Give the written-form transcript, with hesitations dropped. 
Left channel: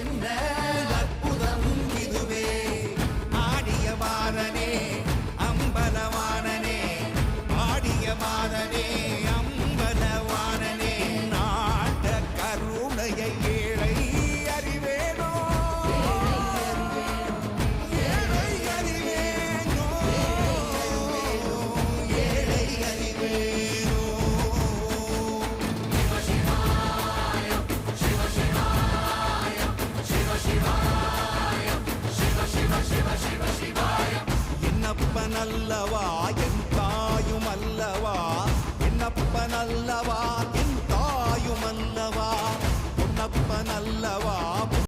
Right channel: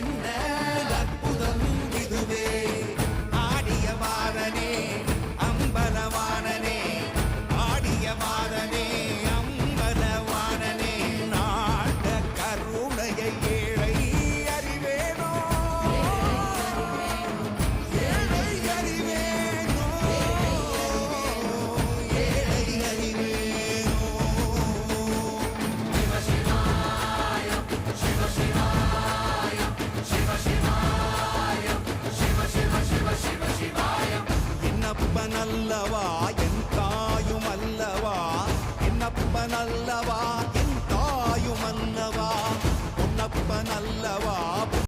என்ன அற்புதம் இதுவே ஆடிய மாதனே அம்பலவானனே ஆடிய மாதனே அம்பலவானனே நாட கருணையை ஏழை அறிவேனோ ஏழை அறிவேனோ ஏழை அறிவேனோ என்னப்பனல்லவா என் தாயும் அல்லவா என்னப்பனல்லவா என் தாயும் அல்லவா பொன்னப்பனல்லவா